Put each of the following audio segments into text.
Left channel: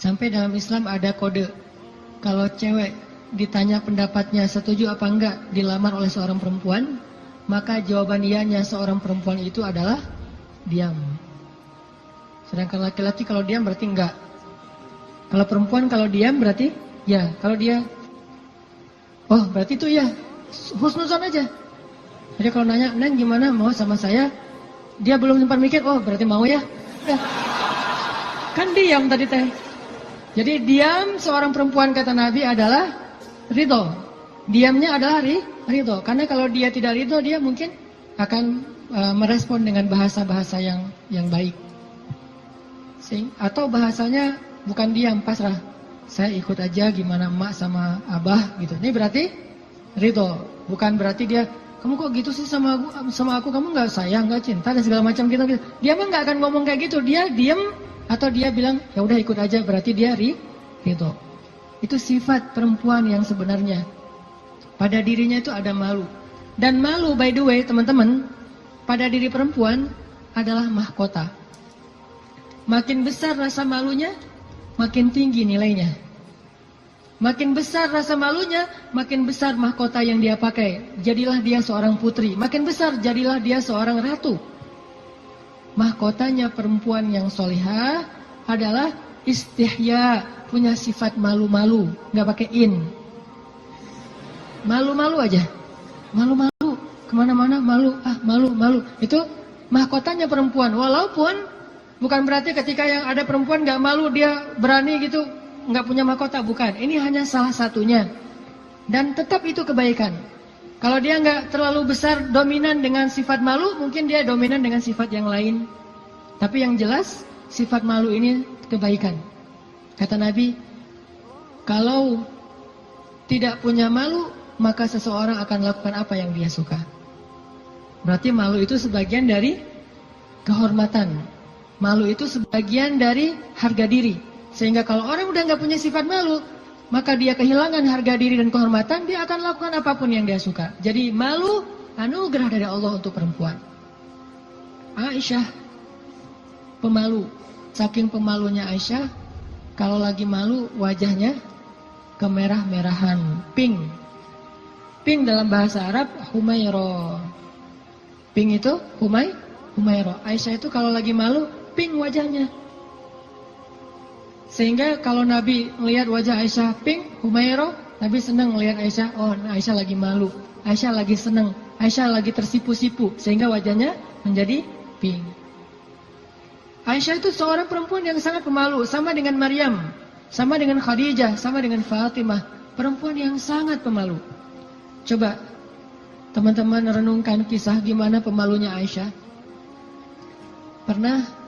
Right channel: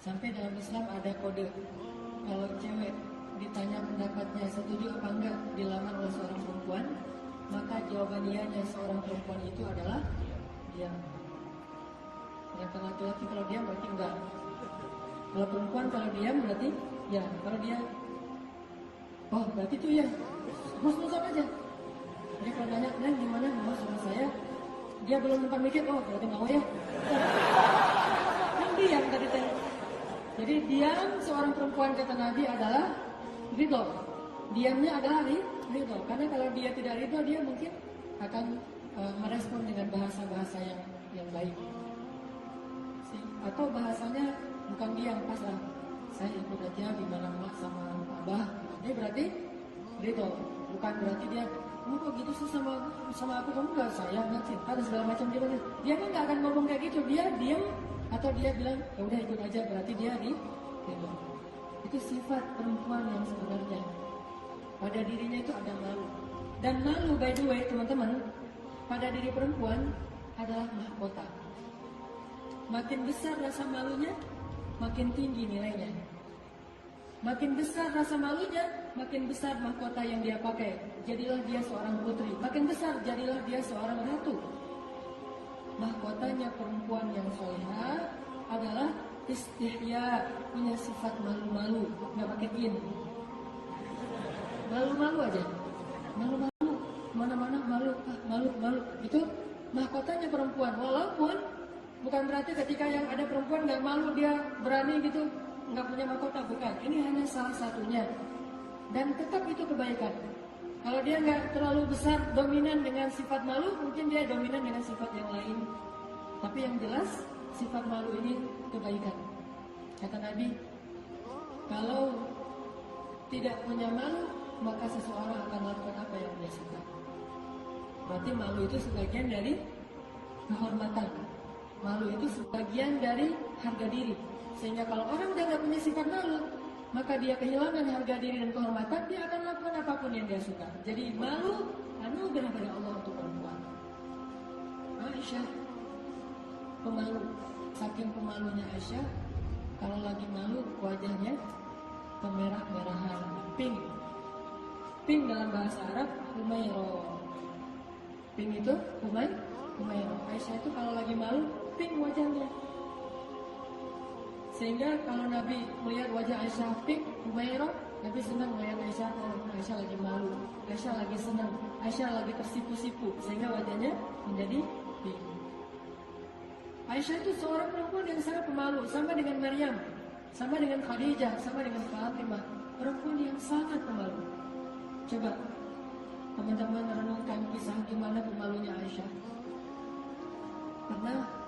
Sampai dalam Islam ada kode. Kalau cewek ditanya pendapatnya setuju apa enggak dilamar oleh seorang perempuan, maka jawaban iyanya seorang perempuan itu adalah diam. Sedangkan laki-laki kalau diam berarti enggak. Kalau perempuan kalau diam berarti ya. Kalau dia, oh berarti itu ya, husnuzon aja. Jadi kalau nanya, Neng gimana mau sama saya? Dia belum sempat mikir, oh berarti mau ya. Kan diam tadi teh. Jadi diam seorang perempuan kata Nabi adalah ridho. Diamnya adalah ridho. Karena kalau dia tidak ridho, dia mungkin akan merespon dengan bahasa-bahasa yang baik. Atau bahasanya bukan diam, pasrah. Saya ikut aja gimana emak sama abah gitu. Ini berarti ridho. Bukan berarti dia, kamu kok gitu sih sama aku, kamu nggak sayang, nggak cinta dan segala macam gitu. Dia mah nggak akan ngomong kayak gitu. Dia diam atau dia bilang ya udah ikut aja, berarti dia ridho. Itu sifat perempuan yang sebenarnya. Pada dirinya itu ada malu. Dan malu, by the way teman-teman, pada diri perempuan adalah mahkota. Makin besar rasa malunya, makin tinggi nilainya. Makin besar rasa malunya, makin besar mahkota yang dia pakai. Jadilah dia seorang putri. Makin besar, jadilah dia seorang ratu. Mahkotanya perempuan yang solihah adalah istihya, punya sifat malu-malu, nggak pakai in. Malu-malu aja, malu-malu, kemana-mana malu, malu-malu. Itu mahkotanya perempuan. Walaupun bukan berarti ketika yang ada perempuan nggak malu dia berani gitu, nggak punya mahkota, bukan. Ini hanya salah satunya. Dan tetap itu kebaikan. Kalau dia nggak terlalu besar dominan dengan sifat malu, mungkin dia dominan dengan sifat yang lain. Tapi yang jelas sifat malu ini kebaikan. Kata Nabi, kalau tidak punya malu, maka seseorang akan lakukan apa yang dia suka. Berarti malu itu sebagian dari kehormatan. Malu itu sebagian dari harga diri. Sehingga kalau orang udah nggak punya sifat malu, maka dia kehilangan harga diri dan kehormatan, dia akan lakukan apapun yang dia suka. Jadi malu anugerah dari Allah untuk perempuan. Aisyah pemalu. Saking pemalunya Aisyah, kalau lagi malu wajahnya kemerah-merahan, pink. Pink dalam bahasa Arab humairo. Pink itu humairo. Aisyah itu kalau lagi malu pink wajahnya. Sehingga kalau Nabi melihat wajah Aisyah pink, humairo, Nabi senang melihat Aisyah, oh Aisyah lagi malu, Aisyah lagi senang, Aisyah lagi tersipu-sipu, sehingga wajahnya menjadi pink. Aisyah itu seorang perempuan yang sangat pemalu, sama dengan Maryam, sama dengan Khadijah, sama dengan Fatimah, perempuan yang sangat pemalu. Coba teman-teman renungkan kisah gimana pemalunya Aisyah. Pernah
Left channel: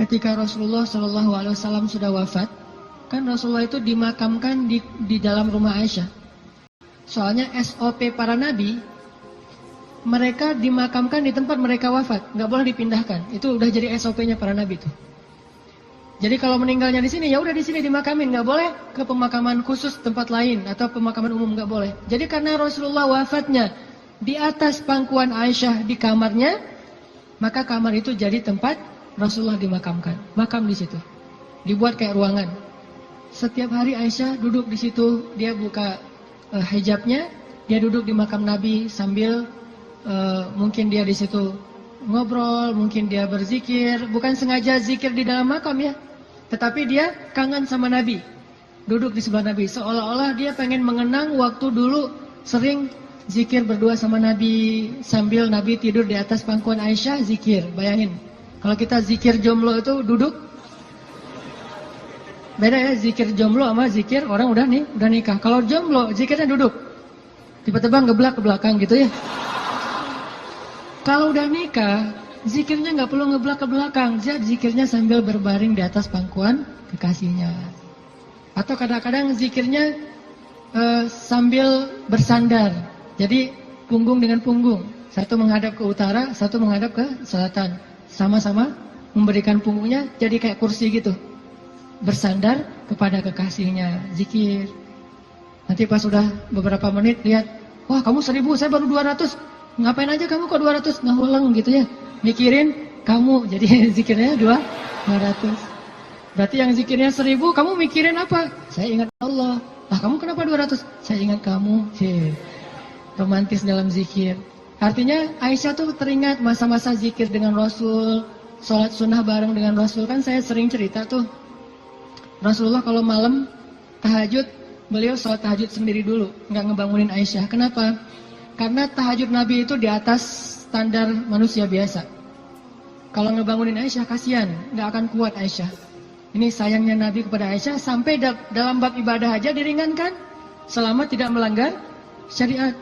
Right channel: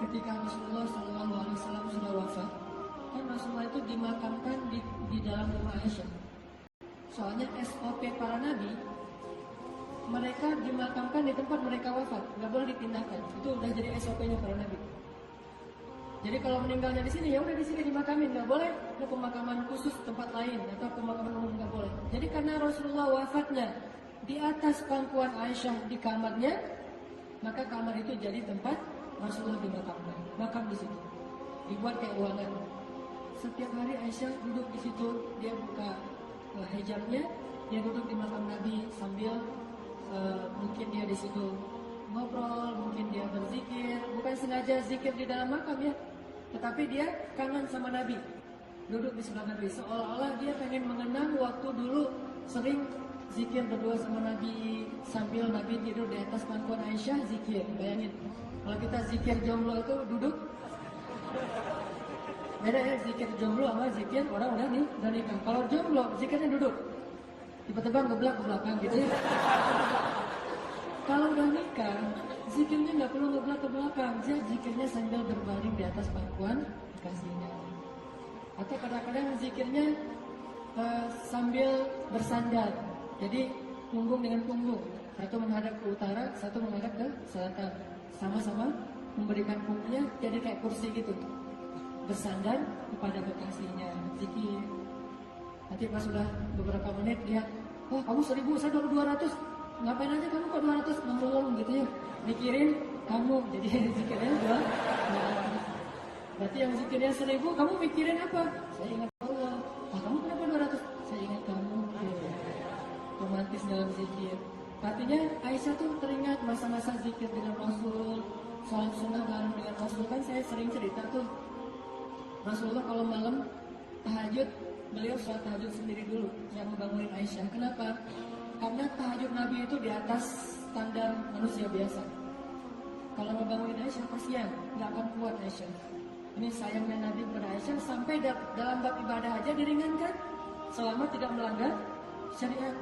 ketika Rasulullah SAW sudah wafat, kan Rasulullah itu dimakamkan di dalam rumah Aisyah. Soalnya SOP para nabi, mereka dimakamkan di tempat mereka wafat, nggak boleh dipindahkan. Itu udah jadi SOP-nya para nabi itu. Jadi kalau meninggalnya di sini, ya udah di sini dimakamin, nggak boleh ke pemakaman khusus tempat lain atau pemakaman umum, nggak boleh. Jadi karena Rasulullah wafatnya di atas pangkuan Aisyah di kamarnya, maka kamar itu jadi tempat Rasulullah dimakamkan, makam di situ, dibuat kayak ruangan. Setiap hari Aisyah duduk di situ, dia buka hijabnya, dia duduk di makam Nabi sambil mungkin dia di situ ngobrol, mungkin dia berzikir, bukan sengaja zikir di dalam makam ya, tetapi dia kangen sama Nabi, duduk di sebelah Nabi, seolah-olah dia pengen mengenang waktu dulu sering zikir berdua sama Nabi sambil Nabi tidur di atas pangkuan Aisyah zikir. Bayangin. Kalau kita zikir jomblo itu duduk, beda ya zikir jomblo sama zikir orang udah nikah. Kalau jomblo zikirnya duduk, tiba-tiba ngeblak ke belakang gitu ya. Kalau udah nikah, zikirnya nggak perlu ngeblak ke belakang, zikirnya sambil berbaring di atas pangkuan kekasihnya. Atau kadang-kadang zikirnya sambil bersandar, jadi punggung dengan punggung, satu menghadap ke utara, satu menghadap ke selatan. Sama-sama memberikan punggungnya jadi kayak kursi gitu, bersandar kepada kekasihnya, zikir. Nanti pas sudah beberapa menit lihat, wah kamu 1000, saya baru 200, ngapain aja kamu kok 200, nguleng gitu ya, mikirin kamu, jadi zikirnya 200. Berarti yang zikirnya 1000, kamu mikirin apa? Saya ingat Allah. Lah kamu kenapa 200? Saya ingat kamu. Romantis dalam zikir. Artinya Aisyah tuh teringat masa-masa zikir dengan Rasul, sholat sunnah bareng dengan Rasul. Kan saya sering cerita tuh, Rasulullah kalau malam tahajud, beliau sholat tahajud sendiri dulu, nggak ngebangunin Aisyah. Kenapa? Karena tahajud Nabi itu di atas standar manusia biasa. Kalau ngebangunin Aisyah kasihan, nggak akan kuat Aisyah. Ini sayangnya Nabi kepada Aisyah, sampai dalam bab ibadah aja diringankan selama tidak melanggar syariat.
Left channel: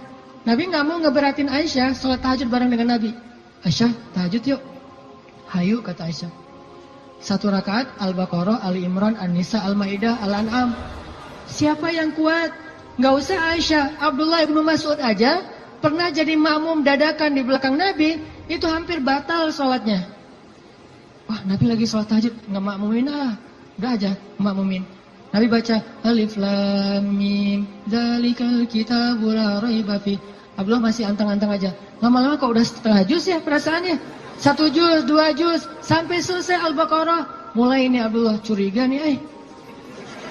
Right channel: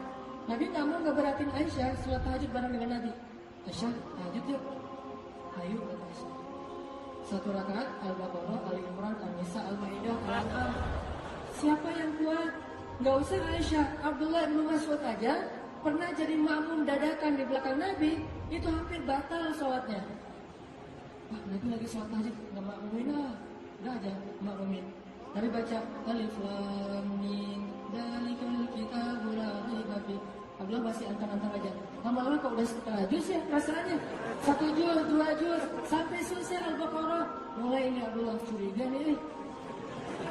Nabi nggak mau ngeberatin Aisyah sholat tahajud bareng dengan Nabi. Aisyah tahajud yuk. Hayu kata Aisyah. 1 rakaat Al-Baqarah, Ali Imran, An-Nisa, Al-Maidah, Al-An'am. Siapa yang kuat? Nggak usah Aisyah, Abdullah ibnu Mas'ud aja pernah jadi makmum dadakan di belakang Nabi, itu hampir batal sholatnya. Wah, Nabi lagi sholat tahajud, nggak makmumin udah aja makmumin. Nabi baca Alif Lam Mim Dzalikal Kitabul La Raiba Fi. Abdullah masih antang-antang aja. Lama-lama kok udah setengah juz ya perasaannya. 1 juz, 2 juz, sampai selesai Al-Baqarah. Mulai ini Abdullah curiga nih.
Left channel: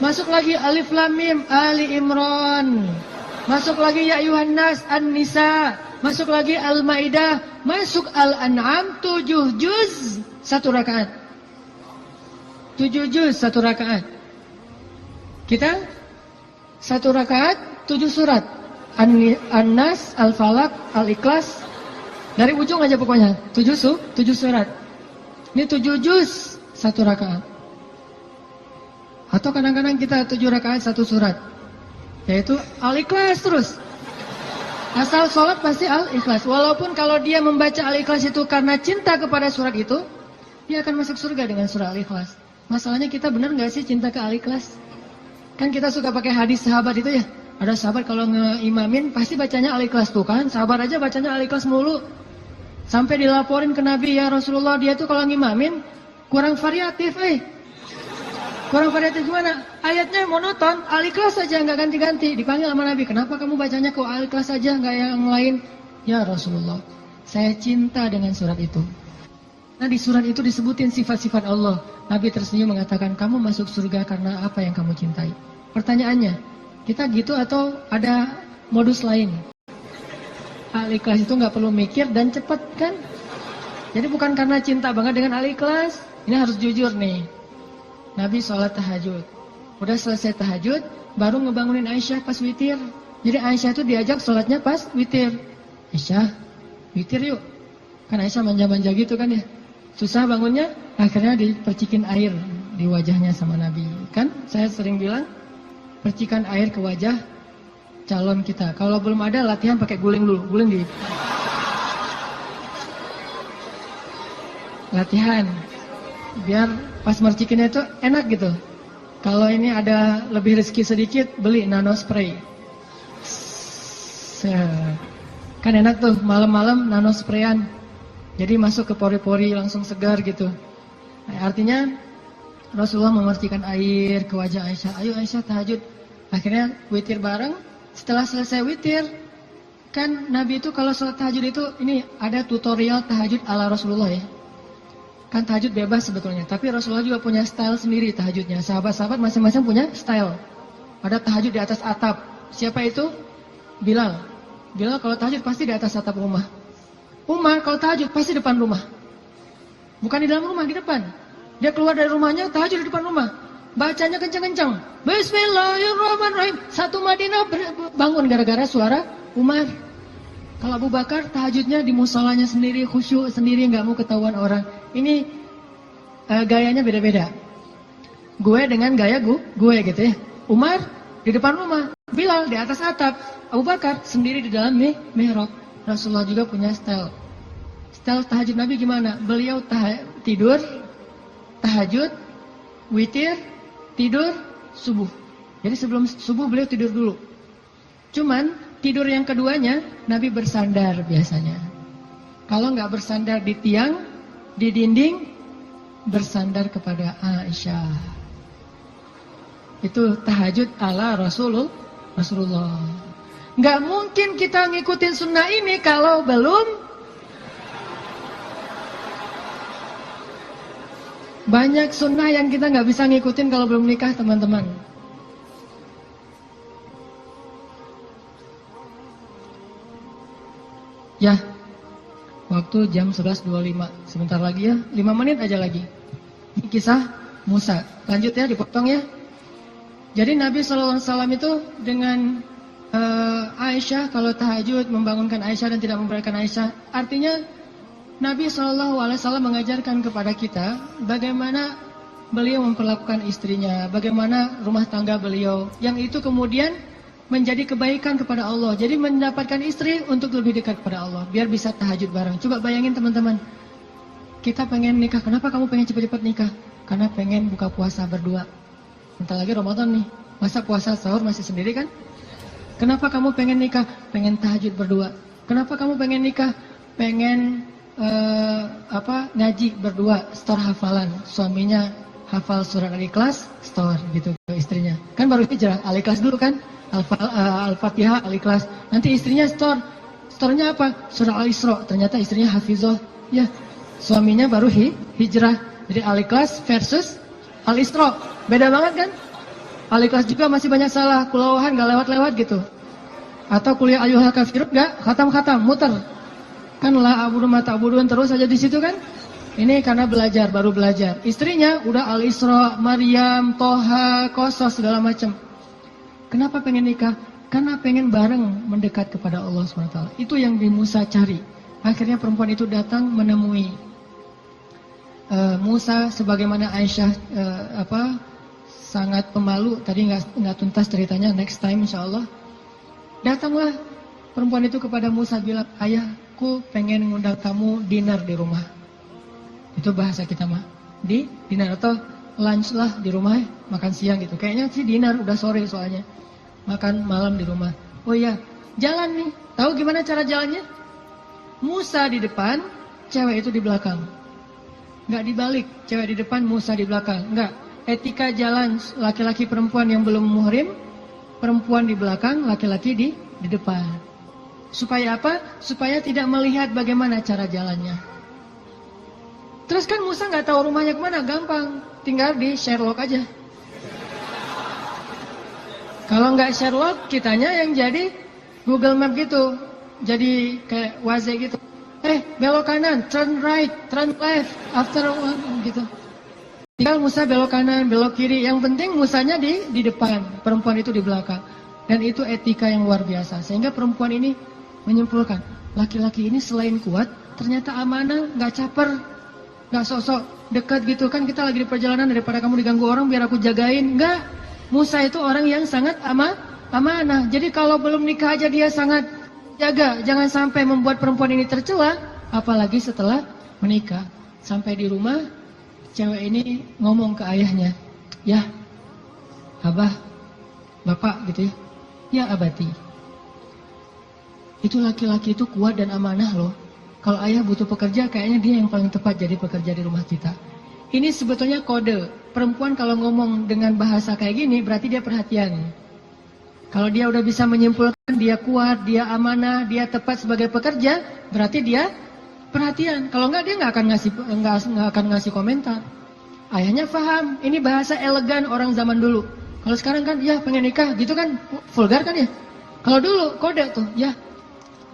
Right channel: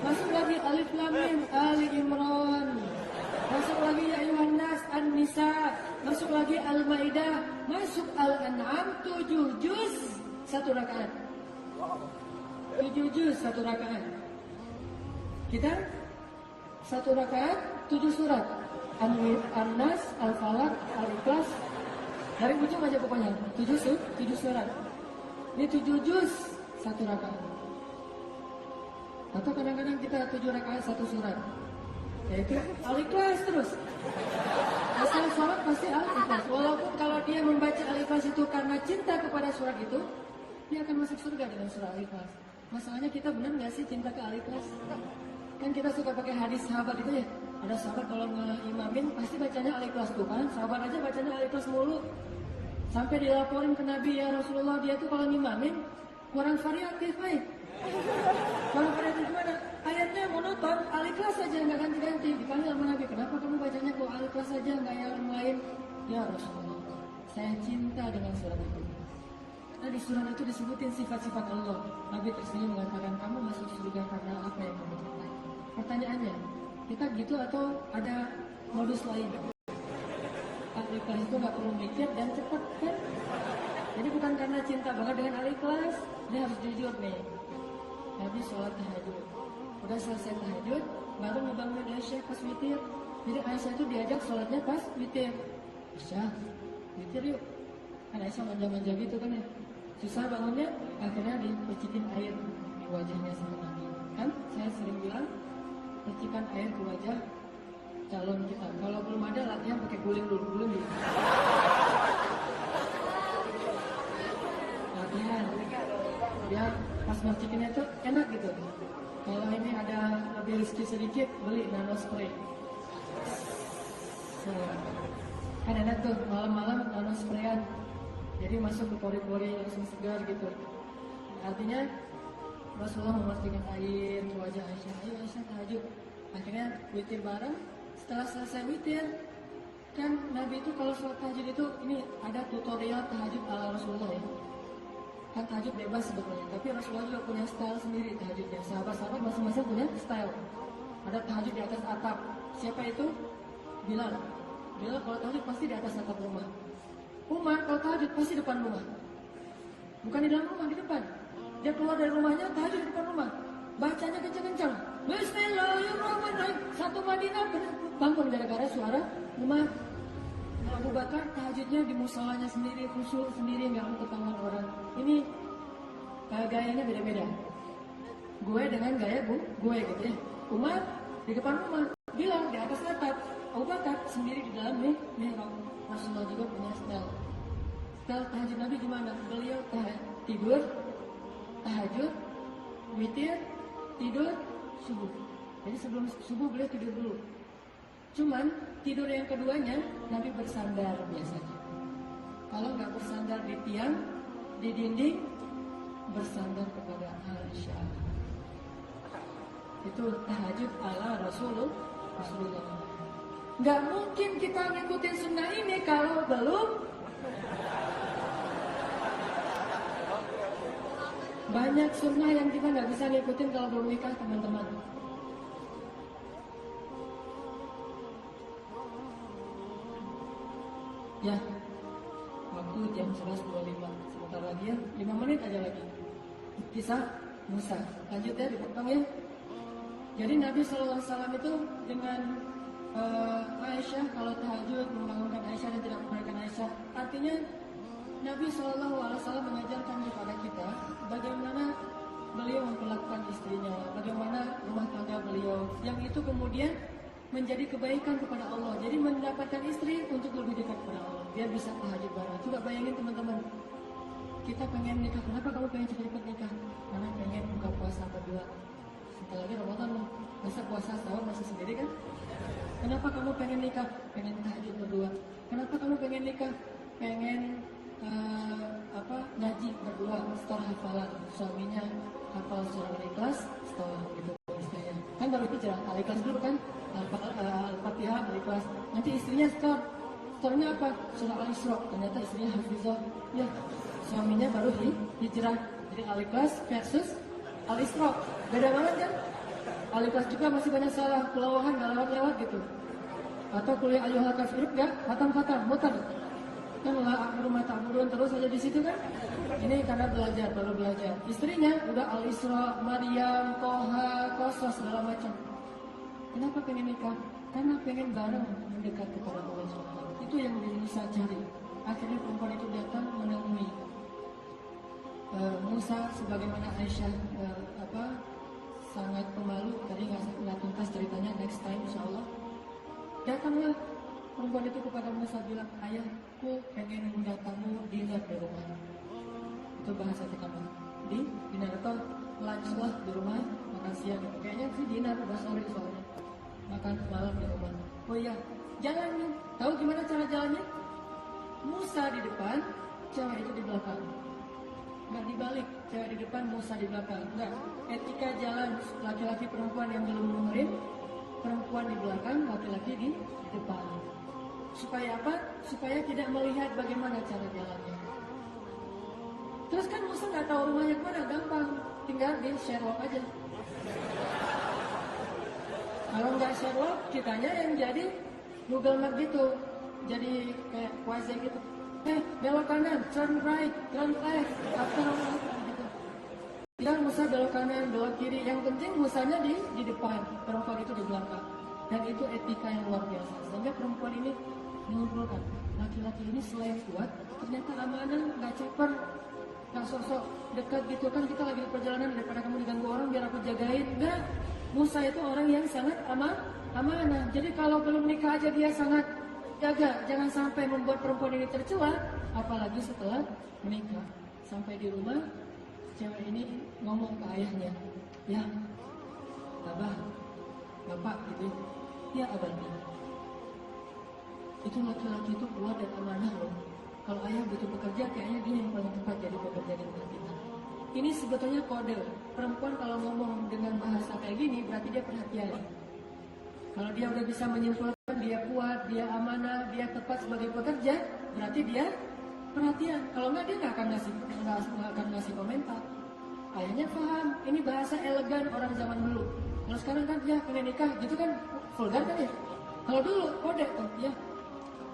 Masuk lagi Alif Lam Mim Ali Imran. Masuk lagi Ya Ayuhan Nas An-Nisa. Masuk lagi Al-Maidah. Masuk Al-An'am 7 juz 1 rakaat. 7 juz 1 rakaat. Kita 1 rakaat 7 surat. An-Nas, Al-Falaq, Al-Ikhlas. Dari ujung aja pokoknya 7 surat. Ini 7 juz 1 rakaat. Atau kadang-kadang kita 7 rakaat 1 surat. Yaitu Al-Ikhlas terus. Asal sholat pasti Al-Ikhlas. Walaupun kalau dia membaca Al-Ikhlas itu karena cinta kepada surat itu, dia akan masuk surga dengan surah Al-Ikhlas. Masalahnya kita benar nggak sih cinta ke Al-Ikhlas? Kan kita suka pakai hadis sahabat itu ya. Ada sahabat kalau ngeimamin pasti bacanya Al-Ikhlas tuh kan. Sahabat aja bacanya Al-Ikhlas mulu. Sampai dilaporin ke Nabi, ya Rasulullah dia tuh kalau ngimamin kurang variatif Kurang variatif gimana? Ayatnya monoton, Al-Ikhlas saja nggak ganti-ganti. Dipanggil sama Nabi, kenapa kamu bacanya kok Al-Ikhlas saja nggak yang lain? Ya Rasulullah, saya cinta dengan surat itu. Nah di surat itu disebutin sifat-sifat Allah. Nabi tersenyum mengatakan, kamu masuk surga karena apa yang kamu cintai. Pertanyaannya, kita gitu atau ada modus lain? Al-Ikhlas itu nggak perlu mikir dan cepet kan? Jadi bukan karena cinta banget dengan Al-Ikhlas. Ini harus jujur nih. Nabi sholat tahajud. Udah selesai tahajud, baru ngebangunin Aisyah pas witir. Jadi Aisyah itu diajak sholatnya pas witir. Aisyah, witir yuk. Kan Aisyah manja-manja gitu kan ya. Susah bangunnya, akhirnya dipercikin air di wajahnya sama Nabi. Kan saya sering bilang, percikan air ke wajah calon kita. Kalau belum ada latihan pakai guling dulu, guling di latihan. Biar pas mercikinnya itu enak gitu. Kalau ini ada lebih rezeki sedikit, beli nano spray. Kan enak tuh malam-malam nano sprayan. Jadi masuk ke pori-pori langsung segar gitu. Nah, artinya Rasulullah memercikan air ke wajah Aisyah. Ayo Aisyah tahajud. Akhirnya witir bareng. Setelah selesai witir, kan Nabi itu kalau sholat tahajud itu ini ada tutorial tahajud ala Rasulullah ya. Kan tahajud bebas sebetulnya, tapi Rasulullah juga punya style sendiri tahajudnya. Sahabat-sahabat masing-masing punya style. Ada tahajud di atas atap. Siapa itu? Bilal. Bilal kalau tahajud pasti di atas atap rumah. Umar kalau tahajud pasti depan rumah. Bukan di dalam rumah, di depan. Dia keluar dari rumahnya, tahajud di depan rumah. Bacanya kencang-kencang. Bismillahirrahmanirrahim. Satu Madinah bangun gara-gara suara Umar. Kalau Abu Bakar tahajudnya di musolanya sendiri, khusyuk sendiri, nggak mau ketahuan orang. Ini gayanya beda-beda. Gue dengan gaya gue gitu ya. Umar di depan rumah, Bilal di atas atap, Abu Bakar sendiri di dalam mihrab. Rasulullah juga punya style. Style tahajud Nabi gimana? Beliau tidur, tahajud, witir, tidur, subuh. Jadi sebelum subuh beliau tidur dulu. Cuman tidur yang keduanya Nabi bersandar biasanya. Kalau nggak bersandar di tiang, di dinding, bersandar kepada Aisyah. Itu tahajud ala Rasulullah. Nggak mungkin kita ngikutin sunnah ini kalau belum Banyak sunnah yang kita nggak bisa ngikutin kalau belum nikah, teman-teman. Ya, waktu jam 11.25. Sebentar lagi ya, 5 menit aja lagi. Ini kisah Musa. Lanjut ya, dipotong ya. Jadi Nabi SAW itu dengan Aisyah, kalau tahajud membangunkan Aisyah dan tidak membiarkan Aisyah. Artinya Nabi SAW mengajarkan kepada kita bagaimana beliau memperlakukan istrinya, bagaimana rumah tangga beliau, yang itu kemudian menjadi kebaikan kepada Allah. Jadi mendapatkan istri untuk lebih dekat kepada Allah, biar bisa tahajud bareng. Coba bayangin teman-teman, kita pengen nikah. Kenapa kamu pengen cepat-cepat nikah? Karena pengen buka puasa berdua. Bentar lagi Ramadan nih, masa puasa sahur masih sendiri kan? Kenapa kamu pengen nikah? Pengen tahajud berdua. Kenapa kamu pengen nikah? Pengen ngaji berdua, store hafalan. Suaminya hafal surat Al-Ikhlas, store gitu ke istrinya. Kan baru hijrah, Al-Ikhlas dulu kan? Al-Fatihah, Al-Ikhlas. Nanti istrinya store. Store-nya apa? Surah Al-Isra. Ternyata istrinya hafizah. Ya, suaminya baru hijrah. Jadi Al-Ikhlas versus Al-Isra. Beda banget kan? Al-Ikhlas juga masih banyak salah. Kulawahan gak lewat-lewat gitu. Atau kuliah ayyuhal kafirun gak khatam-khatam, muter. Kan la abudu mata abuduan terus aja di situ kan? Ini karena belajar, baru belajar. Istrinya udah Al-Isra, Maryam, Toha, Qasas segala macam. Kenapa pengen nikah? Karena pengen bareng mendekat kepada Allah SWT. Itu yang Nabi Musa cari. Akhirnya perempuan itu datang menemui Musa, sebagaimana Aisyah sangat pemalu. Tadi nggak tuntas ceritanya, next time insya Allah. Datanglah perempuan itu kepada Musa, bilang, ayahku pengen ngundang kamu dinner di rumah. Itu bahasa kita mah, di dinner atau lunch lah di rumah, makan siang gitu. Kayaknya sih dinner, udah sore soalnya. Makan malam di rumah. Oh iya, jalan nih. Tahu gimana cara jalannya? Musa di depan, cewek itu di belakang. Nggak dibalik, cewek di depan, Musa di belakang. Nggak, etika jalan laki-laki perempuan yang belum muhrim, perempuan di belakang, laki-laki di depan. Supaya apa? Supaya tidak melihat bagaimana cara jalannya. Terus kan Musa nggak tahu rumahnya kemana, gampang, tinggal di Sherlock aja. Kalau nggak Sherlock, kitanya yang jadi Google Map gitu, jadi kayak Waze gitu. Belok kanan, turn right, turn left, after gitu. Tinggal Musa belok kanan, belok kiri. Yang penting Musanya di depan, perempuan itu di belakang. Dan itu etika yang luar biasa. Sehingga perempuan ini menyimpulkan, laki-laki ini selain kuat, ternyata amanah, nggak caper, nggak sok-sok dekat gitu. Kan kita lagi di perjalanan, daripada kamu diganggu orang biar aku jagain. Nggak, Musa itu orang yang sangat amanah. Jadi kalau belum nikah aja dia sangat jaga, jangan sampai membuat perempuan ini tercela, apalagi setelah menikah. Sampai di rumah, cewek ini ngomong ke ayahnya, ya, abah, bapak gitu ya, ya abati. Itu laki-laki itu kuat dan amanah loh. Kalau ayah butuh pekerja, kayaknya dia yang paling tepat jadi pekerja di rumah kita. Ini sebetulnya kode. Perempuan kalau ngomong dengan bahasa kayak gini, berarti dia perhatian. Kalau dia udah bisa menyimpulkan, dia kuat, dia amanah, dia tepat sebagai pekerja, berarti dia perhatian. Kalau enggak, dia nggak akan ngasih komentar. Ayahnya paham, ini bahasa elegan orang zaman dulu. Kalau sekarang kan, ya pengen nikah, gitu kan, vulgar kan ya. Kalau dulu kode tuh, ya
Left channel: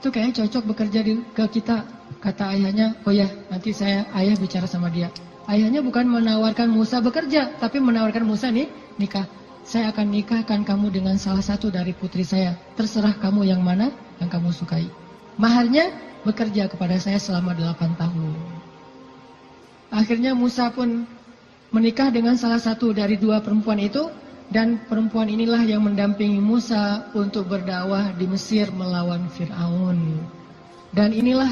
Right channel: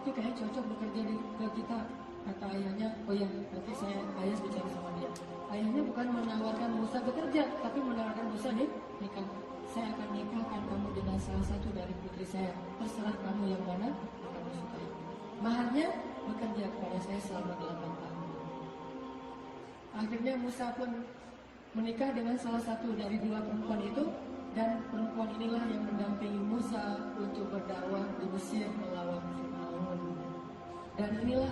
itu kayaknya cocok bekerja ke kita. Kata ayahnya, oh ya nanti ayah bicara sama dia. Ayahnya bukan menawarkan Musa bekerja, tapi menawarkan Musa nih nikah. Saya akan nikahkan kamu dengan salah satu dari putri saya. Terserah kamu yang mana yang kamu sukai. Maharnya bekerja kepada saya selama 8 tahun. Akhirnya Musa pun menikah dengan salah satu dari 2 perempuan itu. Dan perempuan inilah yang mendampingi Musa untuk berdakwah di Mesir melawan Fir'aun. Dan inilah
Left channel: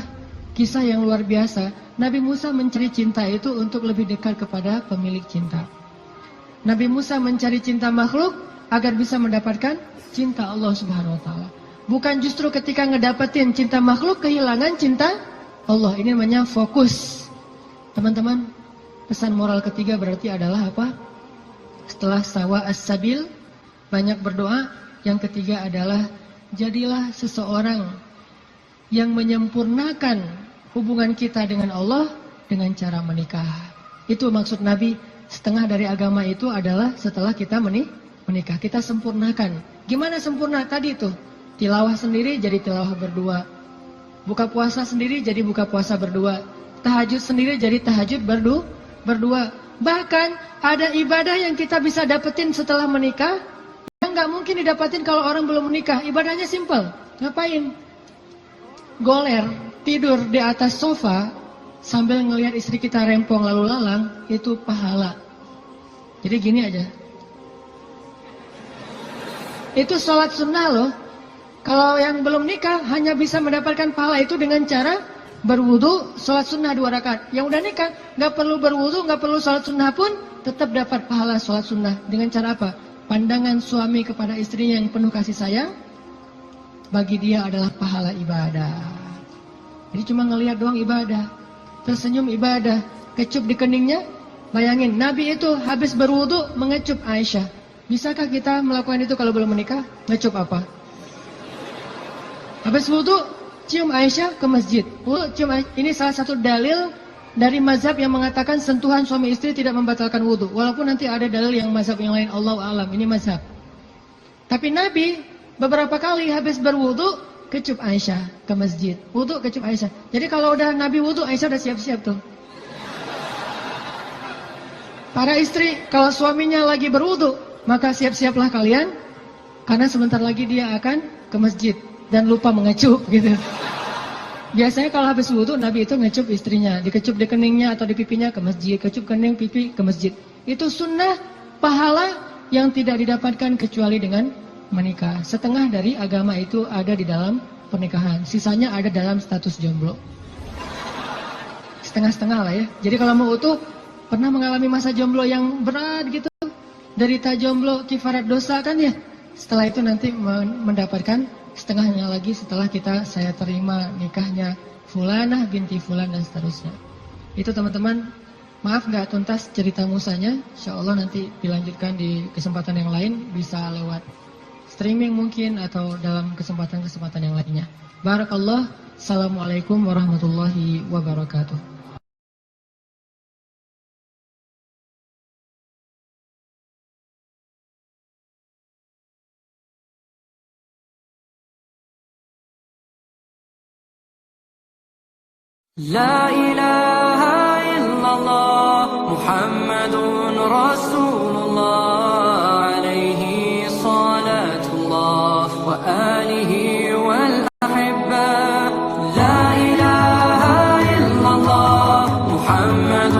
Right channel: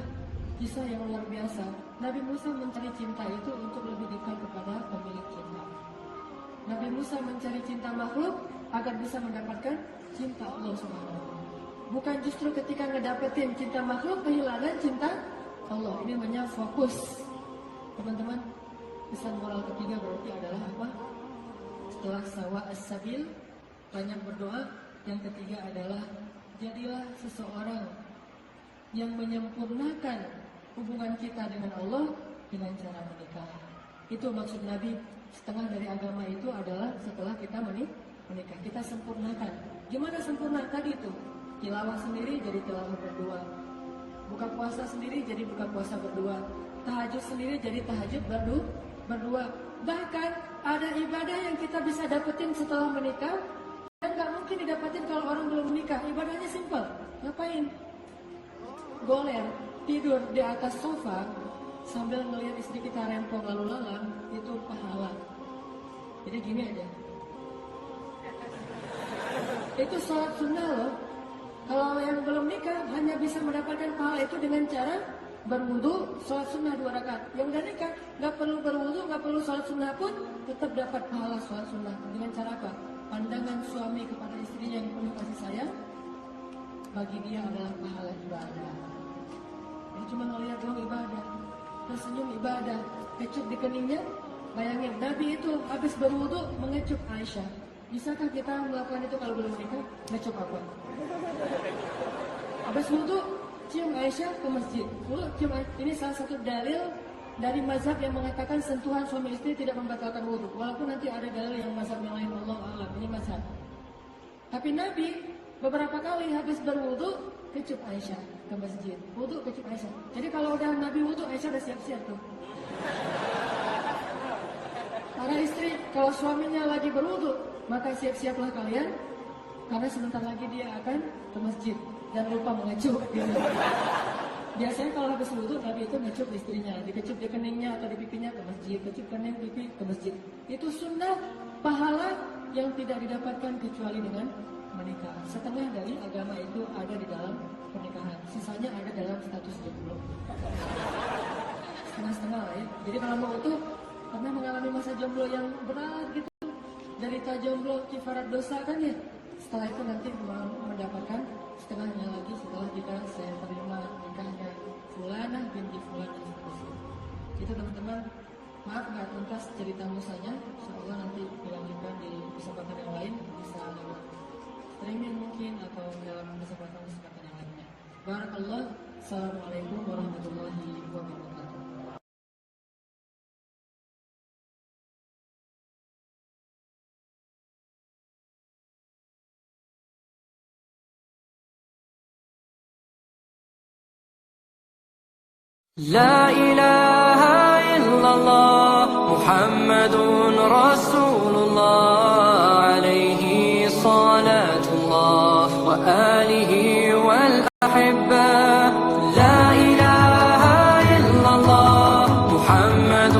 kisah yang luar biasa. Nabi Musa mencari cinta itu untuk lebih dekat kepada pemilik cinta. Nabi Musa mencari cinta makhluk agar bisa mendapatkan cinta Allah Subhanahu wa taala. Bukan justru ketika ngedapetin cinta makhluk kehilangan cinta Allah. Ini namanya fokus. Teman-teman, pesan moral ketiga berarti adalah apa? Setelah sawa as-sabil, banyak berdoa. Yang ketiga adalah jadilah seseorang yang menyempurnakan hubungan kita dengan Allah dengan cara menikah. Itu maksud Nabi, setengah dari agama itu adalah setelah kita menikah. Kita sempurnakan. Gimana sempurna? Tadi itu, tilawah sendiri jadi tilawah berdua. Buka puasa sendiri jadi buka puasa berdua. Tahajud sendiri jadi tahajud berdua. Bahkan ada ibadah yang kita bisa dapetin setelah menikah yang nggak mungkin didapatin kalau orang belum menikah. Ibadahnya simple. Ngapain? Goler, tidur di atas sofa sambil ngelihat istri kita rempong lalu lalang, itu pahala. Jadi gini aja. Itu sholat sunnah loh. Kalau yang belum nikah hanya bisa mendapatkan pahala itu dengan cara berwudu, sholat sunnah 2 rakaat. Yang udah nikah nggak perlu berwudu, nggak perlu sholat sunnah pun tetap dapat pahala sholat sunnah. Dengan cara apa? Pandangan suami kepada istrinya yang penuh kasih sayang, bagi dia adalah pahala ibadah. Jadi cuma ngelihat doang ibadah, tersenyum ibadah, kecup di keningnya. Bayangin, Nabi itu habis berwudu mengecup Aisyah. Bisakah kita melakukan itu kalau belum menikah? Ngecup apa? Habis wudu, cium Aisyah ke masjid. Cium Aisyah. Ini salah satu dalil dari mazhab yang mengatakan sentuhan suami istri tidak membatalkan wudu. Walaupun nanti ada dalil yang mazhab yang lain, Allahu a'lam. Ini mazhab. Tapi Nabi beberapa kali habis berwudu kecup Aisyah ke masjid. Wudu kecup Aisyah. Jadi kalau udah Nabi wudu, Aisyah udah siap-siap tuh. Para istri, kalau suaminya lagi berwudu, maka siap-siaplah kalian, karena sebentar lagi dia akan ke masjid dan lupa mengecup gitu. Biasanya kalau habis wudu, Nabi itu ngecup istrinya, dikecup di keningnya atau di pipinya ke masjid, kecup kening pipi ke masjid. Itu sunnah pahala yang tidak didapatkan kecuali dengan menikah. Setengah dari agama itu ada di dalam pernikahan, sisanya ada dalam status jomblo. Setengah-setengah lah ya. Jadi kalau mau utuh, pernah mengalami masa jomblo yang berat gitu, derita jomblo kifarat dosa kan ya. Setelah itu nanti mendapatkan setengahnya lagi setelah saya terima nikahnya Fulanah binti Fulan dan seterusnya. Itu teman-teman, maaf nggak tuntas cerita musanya. Insya Allah nanti dilanjutkan di kesempatan yang lain, bisa lewat streaming mungkin atau dalam kesempatan-kesempatan yang lainnya. Barakallah. Assalamualaikum warahmatullahi wabarakatuh. لا إله إلا الله محمد رسول الله عليه صلاة الله وآله والأحبة لا إله إلا الله محمد